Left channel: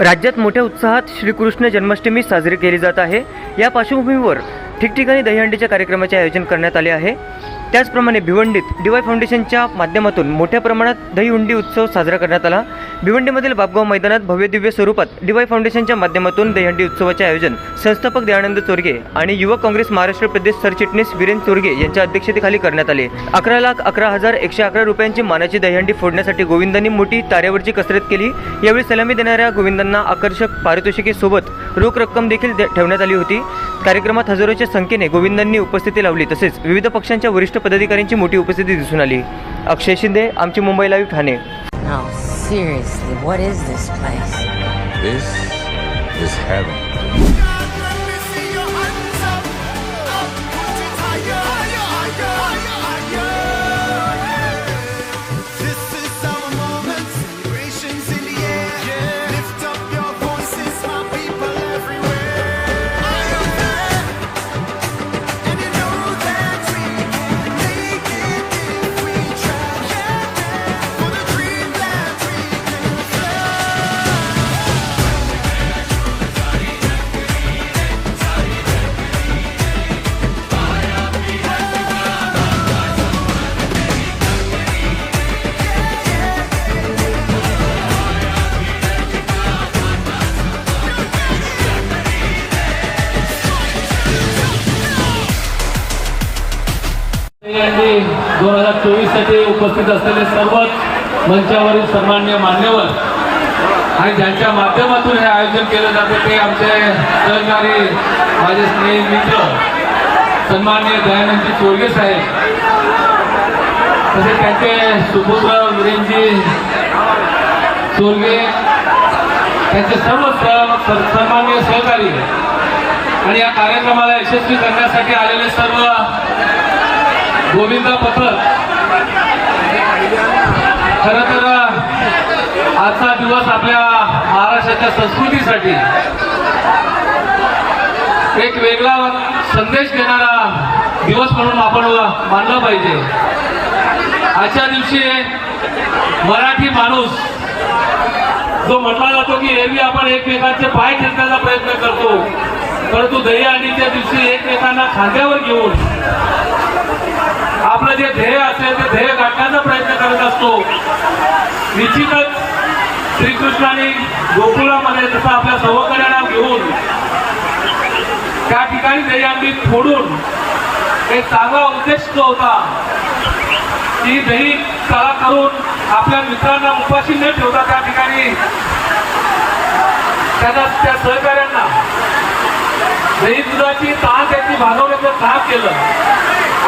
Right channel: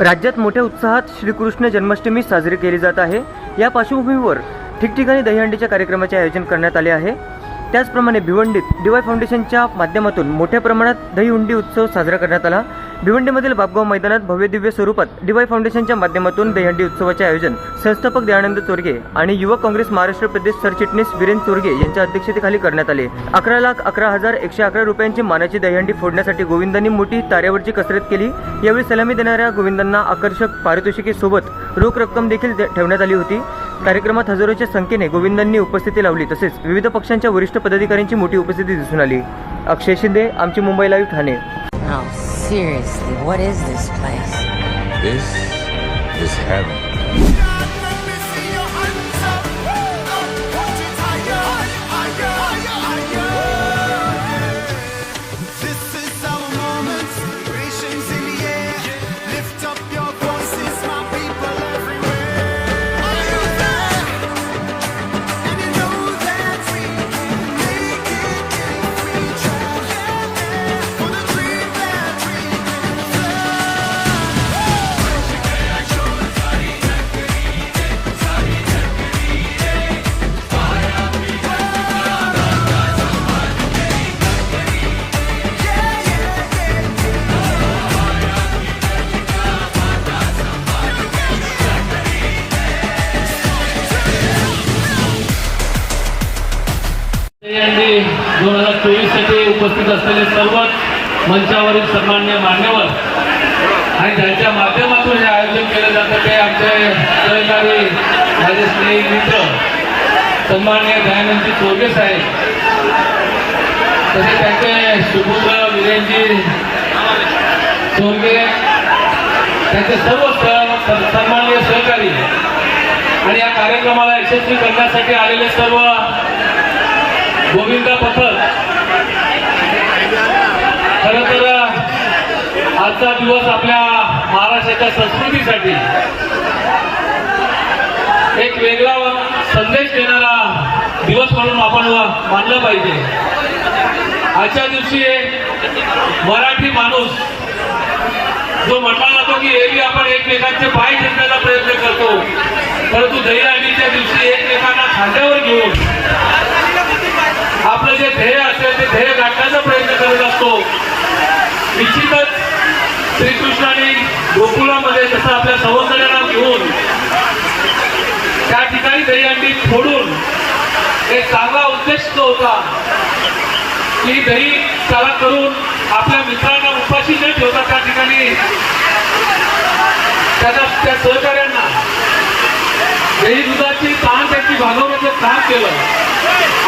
राज्यात मोठ्या उत्साहात श्रीकृष्ण जन्माष्टमी साजरी केली जात आहे. या पार्श्वभूमीवर ठिकठिकाणी दहीहंडीच्या कार्यक्रमाचे आयोजन करण्यात आले आहे. त्याचप्रमाणे भिवंडीत डीवाय फाउंडेशनच्या माध्यमातून मोठ्या प्रमाणात दहीहुंडी उत्सव साजरा करण्यात आला. भिवंडीमधील बापगाव मैदानात भव्य दिव्य स्वरूपात डीवाय फाउंडेशनच्या माध्यमातून दहीहंडी उत्सवाचे आयोजन संस्थापक दयानंद चोरगे आणि युवक काँग्रेस महाराष्ट्र प्रदेश सरचिटणीस वीरेन चोरगे यांच्या अध्यक्षतेखाली करण्यात आले. अकरा लाख अकरा हजार एकशे अकरा रुपयांची मानाची दहीहंडी फोडण्यासाठी गोविंदांनी मोठी ताऱ्यावरची कसरत केली. यावेळी सलामी देणाऱ्या गोविंदांना आकर्षक पारितोषिकेसोबत रोख रक्कम देखील दे- ठेवण्यात आली होती. कार्यक्रमात हजारोच्या संख्येने गोविंदांनी उपस्थिती लावली तसेच विविध पक्षांच्या वरिष्ठ पदाधिकाऱ्यांची मोठी उपस्थिती दिसून आली अक्षय शिंदे आमची Mumbai live Thane seriously, what is this place? This is heaven. यांनी दोन हजार चोवीससाठी उपस्थित असलेले सर्वच मंचावरील सन्मान्य मान्यवर आणि ज्यांच्या माध्यमातून हे आयोजन केलं जातं ते आमचे सहकारी माझे स्नेही मित्र सन्मान्य दयानंदजी चोरगे साहेब तसेच त्यांचे सुपुत्र विरेनजी चोरगे त्यांचे सर्व सह- सन्माननीय सहकारी. आणि या कार्यक्रमाला यशस्वी करण्यासाठी आलेले सर्व गोविंदा पथक खर तर आजचा दिवस आपल्या महाराष्ट्राच्या संस्कृतीसाठी एक वेगळा संदेश देणारा दिवस म्हणून आपण मानला पाहिजे. आजच्या दिवशी मराठी माणूस जो म्हटला जातो की एरवी आपण एकमेकांचे पाय ठेवण्याचा प्रयत्न करतो परंतु दहीहंडीच्या दिवशी एकमेकांना खांद्यावर घेऊन आपलं जे ध्येय असेल ते ध्येय गाठण्याचा प्रयत्न करत असतो निश्चितच श्रीकृष्णाने गोकुळामध्ये जसं आपल्या सवंगड्यांना घेऊन त्या ठिकाणी दहीहंडी फोडून एक चांगला उद्देश जो होता की दही तळा करून आपल्या मित्रांना उपाशी न ठेवता त्या ठिकाणी त्याच्या त्या सहकाऱ्यांना दही दुधाची ताण त्याची भागवण्याचं काम केलं.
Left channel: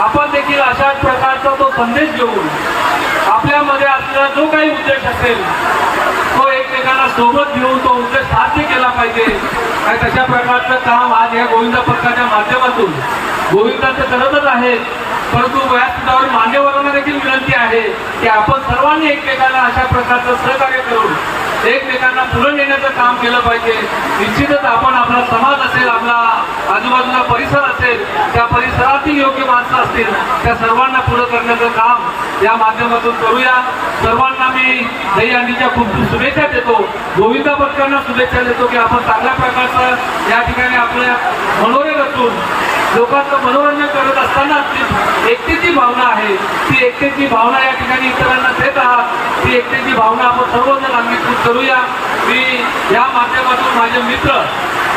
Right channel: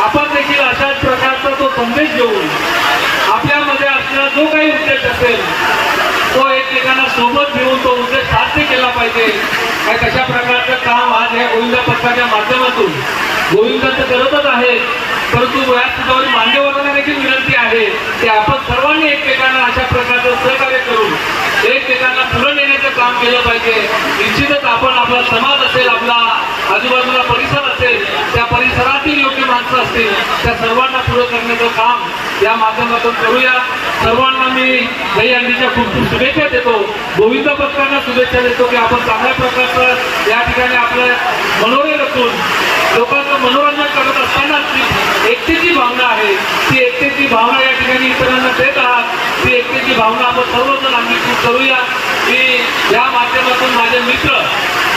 आपण देखील अशाच प्रकारचा तो संदेश घेऊन आपल्यामध्ये असलेला जो काही उद्देश असेल तो एकमेकांना सोबत घेऊन तो उद्देश साध्य केला पाहिजे. आणि कशा प्रकारचं काम आज या गोविंदा पथकाच्या माध्यमातून गोविंदा तर करतच आहे परंतु वयात मान्यवरांना देखील विनंती आहे की आपण सर्वांनी एकमेकांना अशा प्रकारचं सहकार्य पुढे नेण्याचं काम केलं पाहिजे. निश्चितच आपण आपला समाज असेल आपला आजूबाजूला परिसर असेल त्या परिसरातील योग्य माणसं असतील त्या सर्वांना पुढे करण्याचं काम या माध्यमातून करूया. सर्वांना मी दहीहंडीच्या खूप खूप शुभेच्छा देतो. गोविंदा पथकांना शुभेच्छा देतो की आपण चांगल्या प्रकारचं या ठिकाणी आपलं मनोरंजन असून लोकांचं मनोरंजन करत असताना ती एकतेची भावना आहे ती एकतेची भावना या ठिकाणी इतरांना देत आहात. ती एकतेची भावना आपण सर्वजण अंगीकृत करूया. मी या माध्यमातून माझे मित्र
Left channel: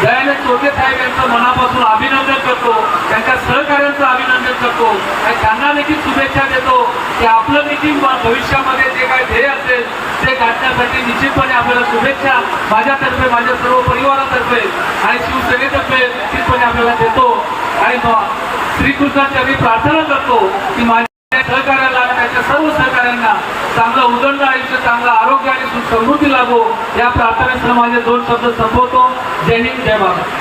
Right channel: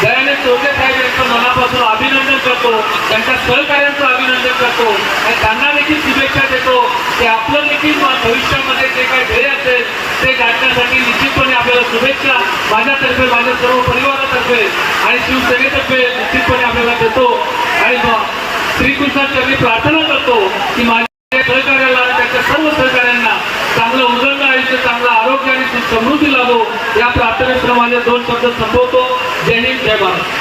दयानंद टोके साहेब यांचं मनापासून अभिनंदन करतो. त्यांच्या सहकार्यांचं अभिनंदन करतो. आणि त्यांना देखील शुभेच्छा देतो की आपलं देखील भविष्यामध्ये जे काही ध्येय असेल ते गाठण्यासाठी निश्चितपणे आपल्याला शुभेच्छा माझ्यातर्फे माझ्या सर्व परिवारातर्फे आणि शिवसेनेतर्फे निश्चितपणे आपल्याला देतो. आणि श्रीकृष्णाची आम्ही प्रार्थना करतो की माझ्या सहकार्याला त्याच्या सर्व सहकार्यांना चांगलं उदंड आयुष्य चांगलं आरोग्य आणि समृद्धी लाभो या प्रार्थनेसह माझे दोन शब्द संपवतो. जय हिंद जय महाराज